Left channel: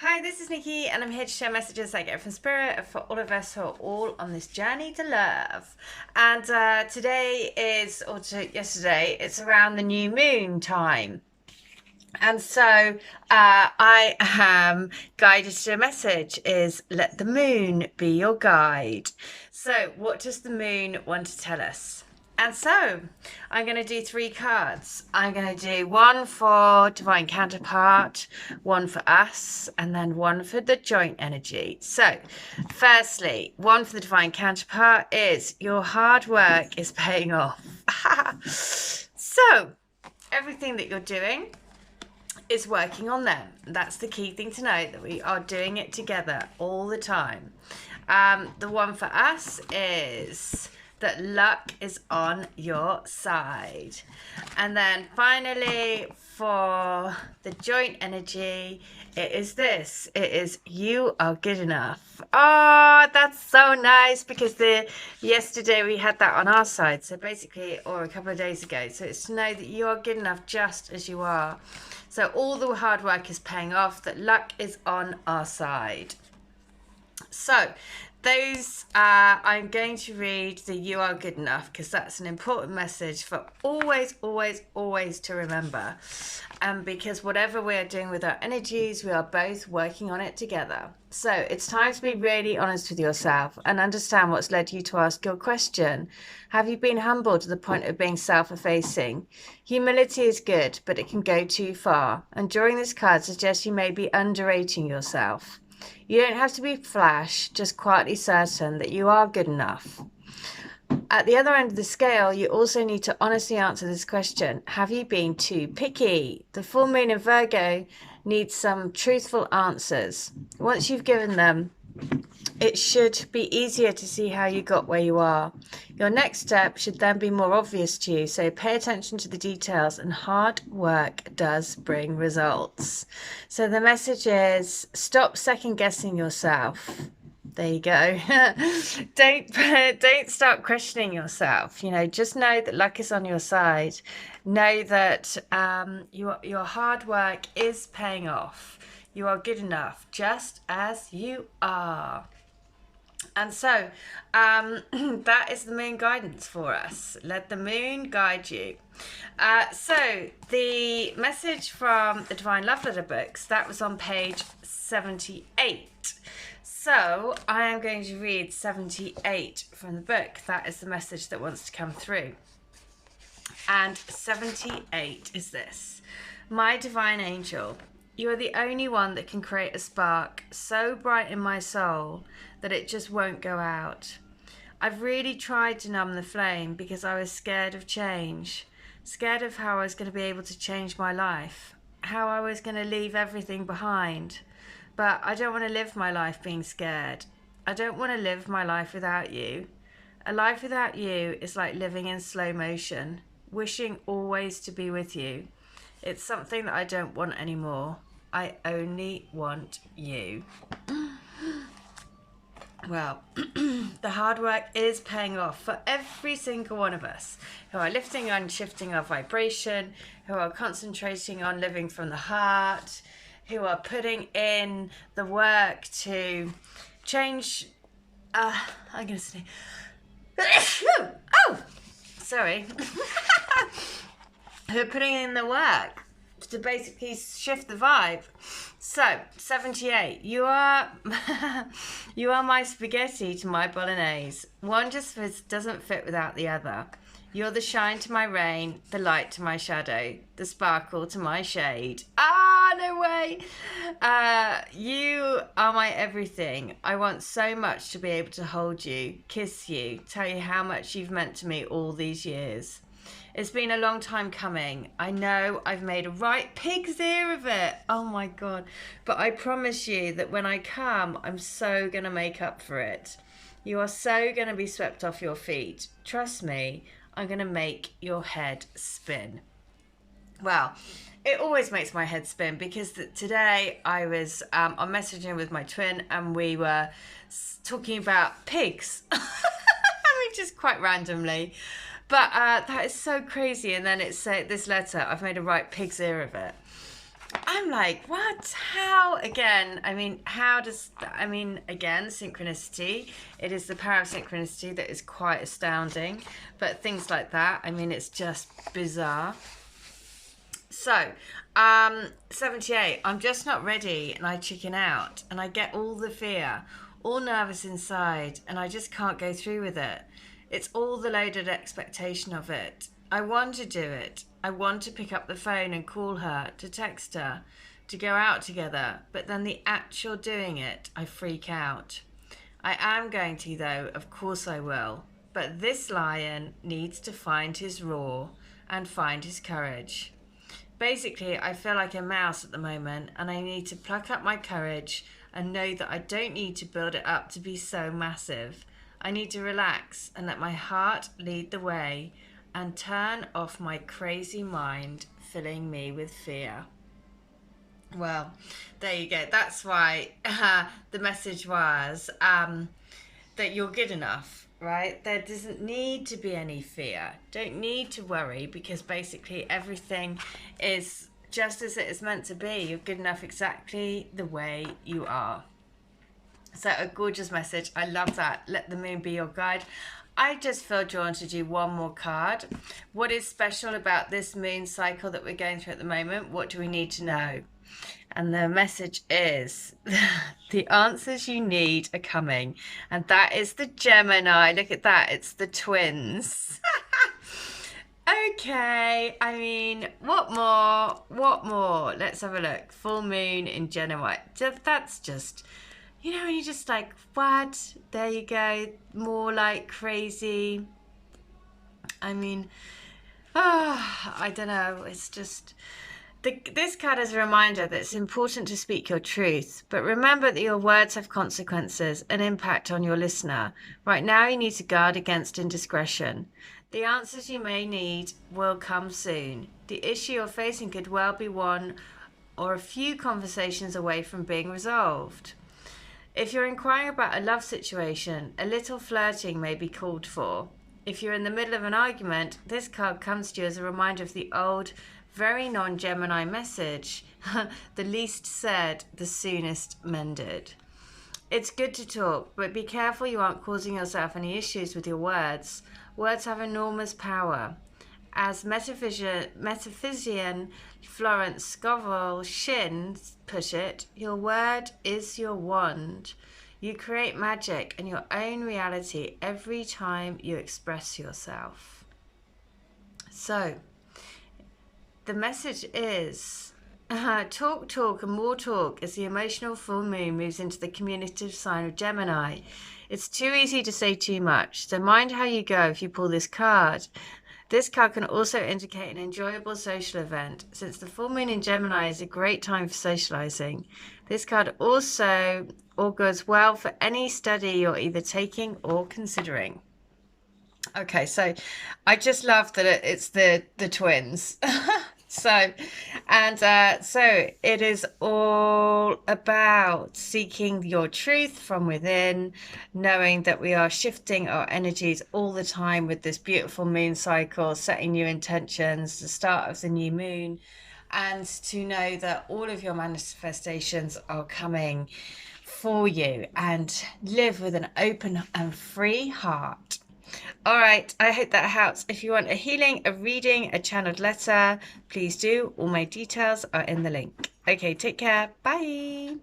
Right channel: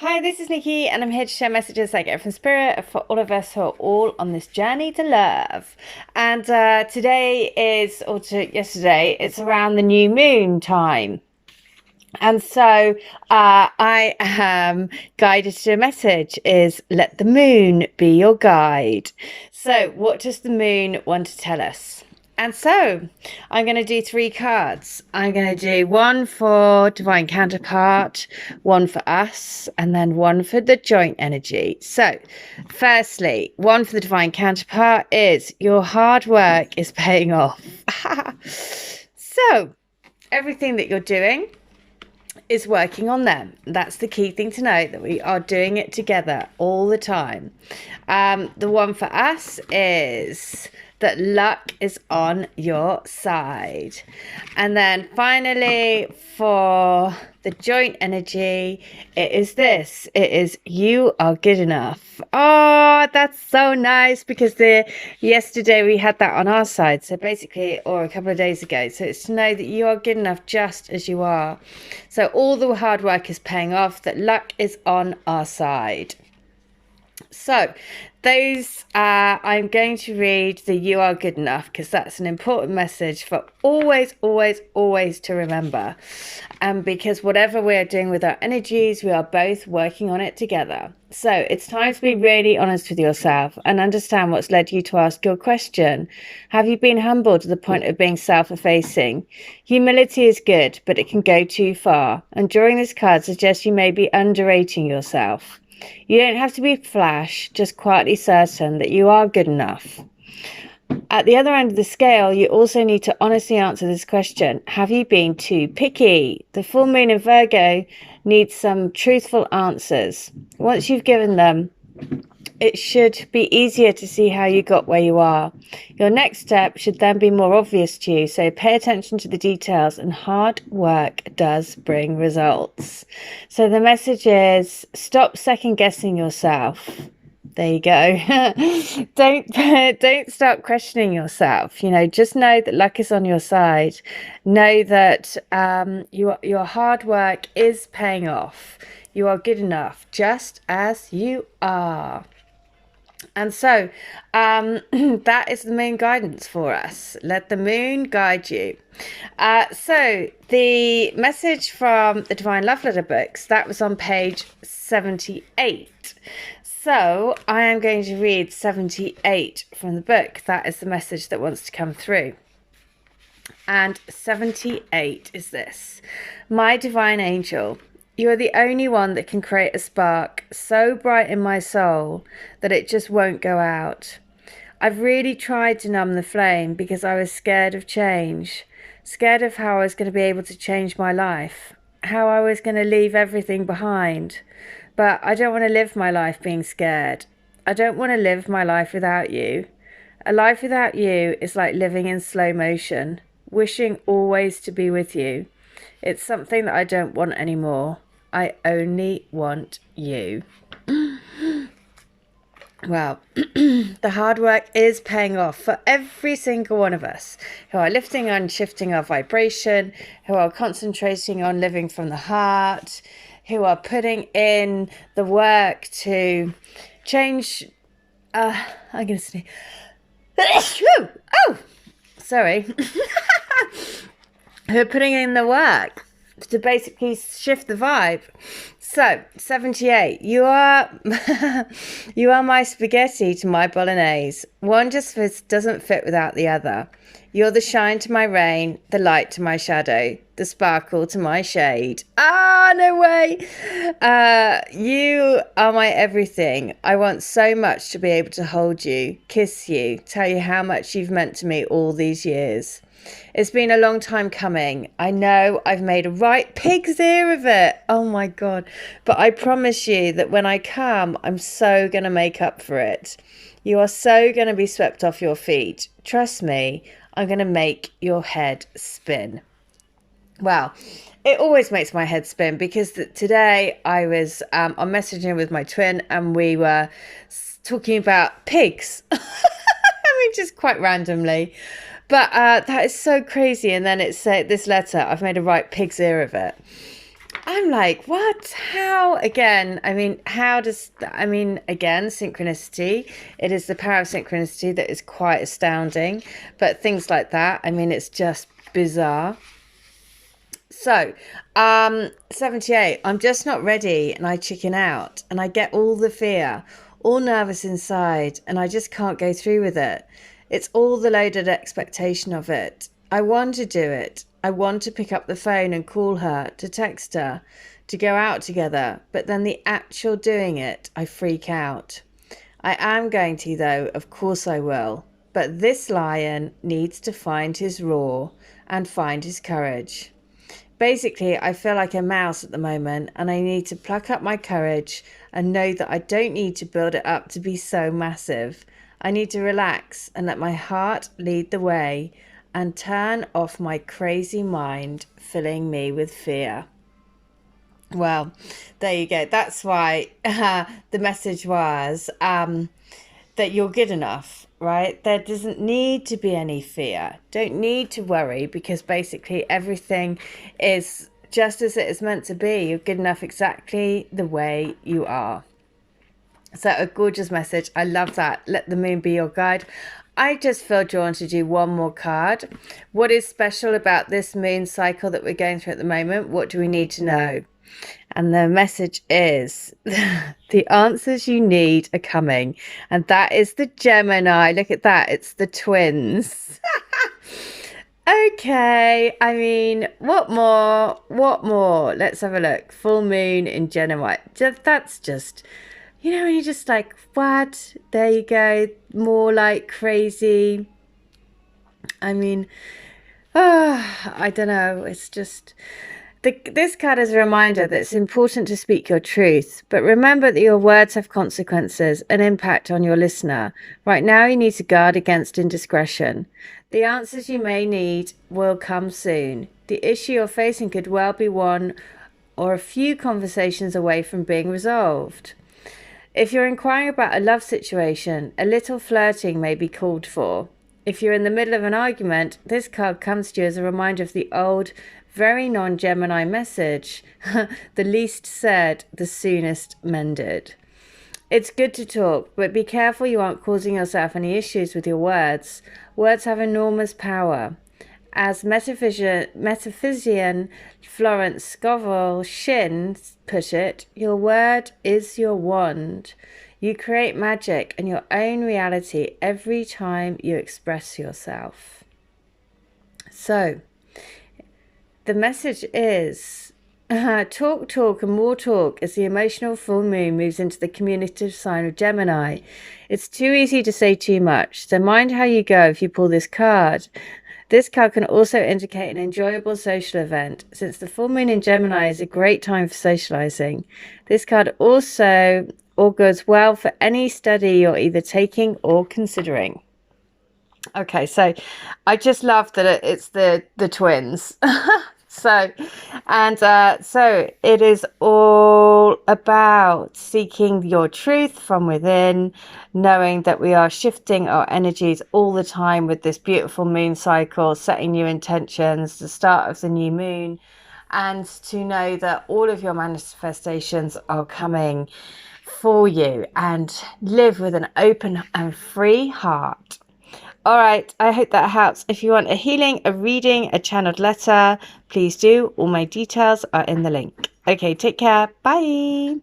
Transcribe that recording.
Hi, this is Nikki, and I'm here to share messages I get from Spirit for all of us who are all on this journey to love. And today is, or yesterday, it's around the new moon time. And so I am guided to a message is let the moon be your guide. So what does the moon want to tell us? And so I'm going to do 3 cards. I'm going to do one for Divine Counterpart, one for us, and then one for the joint energy. So firstly, one for the Divine Counterpart is your hard work is paying off. So everything that you're doing is working on them. That's the key thing to know, that we are doing it together all the time. The one for us is that luck is on your side. And then finally for the joint energy, it is this. It is you are good enough. Oh, that's so nice, because yesterday we had that on our side. So basically, or a couple of days ago. So it's to know that you are good enough just as you are. So all the hard work is paying off, that luck is on our side. So those I'm going to read the you are good enough, because that's an important message for always to remember. And because whatever we're doing with our energies, we are both working on it together. So it's time to be really honest with yourself and understand what's led you to ask your question. Have you been humbled to the point of being self-effacing? Humility is good, but it can go too far. And drawing this card suggests you may be underrating yourself. You don't have to be flash, just quietly certain that you are good enough. At the other end of the scale, you also need to honestly answer this question. Have you been too picky? The full moon in Virgo needs some truthful answers. Once you've given them, it should be easier to see how you got where you are. Your next step should then be more obvious to you, so pay attention to the details, and hard work does bring results. So the message is, stop second guessing yourself. There you go. Don't start questioning yourself. Just know that luck is on your side. Know that your hard work is paying off. You are good enough just as you are. And so that is the moon guidance for us. Let the moon guide you. So the message from the Divine Love Letter books, that was on page 78. So I am going to read 78 from the book. That is the message that wants to come through. And 78 is this. My divine angel, you are the only one that can create a spark so bright in my soul that it just won't go out. I've really tried to numb the flame because I was scared of change, scared of how I was going to be able to change my life, how I was going to leave everything behind. But I don't want to live my life being scared. I don't want to live my life without you. A life without you is like living in slow motion, wishing always to be with you. It's something that I don't want anymore. I only want you. Well, the hard work is paying off for every single one of us who are lifting and shifting our vibration, who are concentrating on living from the heart, who are putting in the work to change. I'm going to say, oh, sorry. Who are putting in the work to basically shift the vibe. So 78, you are my spaghetti to my bolognese. One just doesn't fit without the other. You're the shine to my rain, the light to my shadow, the sparkle to my shade. Ah, no way. You are my everything. I want so much to be able to hold you, kiss you, tell you how much you've meant to me all these years. It's been a long time coming. I know I've made a right pig's ear of it. Oh my God. But I promise you that when I come, I'm so going to make up for it. You are so going to be swept off your feet. Trust me, I'm going to make your head spin. Well, it always makes my head spin, because today I was on messaging with my twin, and we were talking about pigs. I mean, just quite randomly. But that is so crazy. And then it's this letter, I've made a right pig's ear of it. I'm like, what? How? Again, I mean, how does, I mean, again, synchronicity. It is the power of synchronicity that is quite astounding. But things like that, I mean, it's just bizarre. So, 78, I'm just not ready and I chicken out and I get all the fear, all nervous inside, and I just can't go through with it. It's all the loaded expectation of it. I want to do it. I want to pick up the phone and call her, to text her, to go out together, but then the actual doing it, I freak out. I am going to, though, of course I will. But this lion needs to find his roar and find his courage. Basically, I feel like a mouse at the moment, and I need to pluck up my courage and know that I don't need to build it up to be so massive. I need to relax and let my heart lead the way and turn off my crazy mind, filling me with fear. Well, there you go. That's why the message was that you're good enough, right? There doesn't need to be any fear. Don't need to worry, because basically everything is just as it is meant to be. You're good enough exactly the way you are. So a gorgeous message. I love that. Let the moon be your guide. I just feel drawn to do one more card. What is special about this moon cycle that we're going through at the moment? What do we need to know? And the message is the answers you need are coming. And that is the Gemini. Look at that. It's the twins. Okay. I mean, what more? What more? Let's have a look. Full moon in Gemini. That's just, you know, when you're just like, what? There you go. More like crazy. I mean, I don't know. It's just... This card is a reminder that it's important to speak your truth, but remember that your words have consequences and impact on your listener. Right now, you need to guard against indiscretion. The answers you may need will come soon. The issue you're facing could well be one or a few conversations away from being resolved. If you're inquiring about a love situation, a little flirting may be called for. If you're in the middle of an argument, this card comes to you as a reminder of the old, very non-Gemini message. The least said, the soonest mended. It's good to talk, but be careful you aren't causing yourself any issues with your words. Words have enormous power. As metaphysician Florence Scovel Shinn put it, your word is your wand. You create magic and your own reality every time you express yourself. So, the message is talk and more talk as the emotional full moon moves into the communicative sign of Gemini. It's too easy to say too much, so mind how you go if you pull this card. This card can also indicate an enjoyable social event, since the full moon in Gemini is a great time for socializing. This card also augurs well for any study you're either taking or considering. Okay, so I just love that it's the twins. So it is all about seeking your truth from within, knowing that we are shifting our energies all the time with this beautiful moon cycle, setting new intentions, the start of the new moon, and to know that all of your manifestations are coming for you, and live with an open and free heart. All right, I hope that helps. If you want a healing, a reading, a channeled letter, please do. All my details are in the link. Okay, take care. Bye.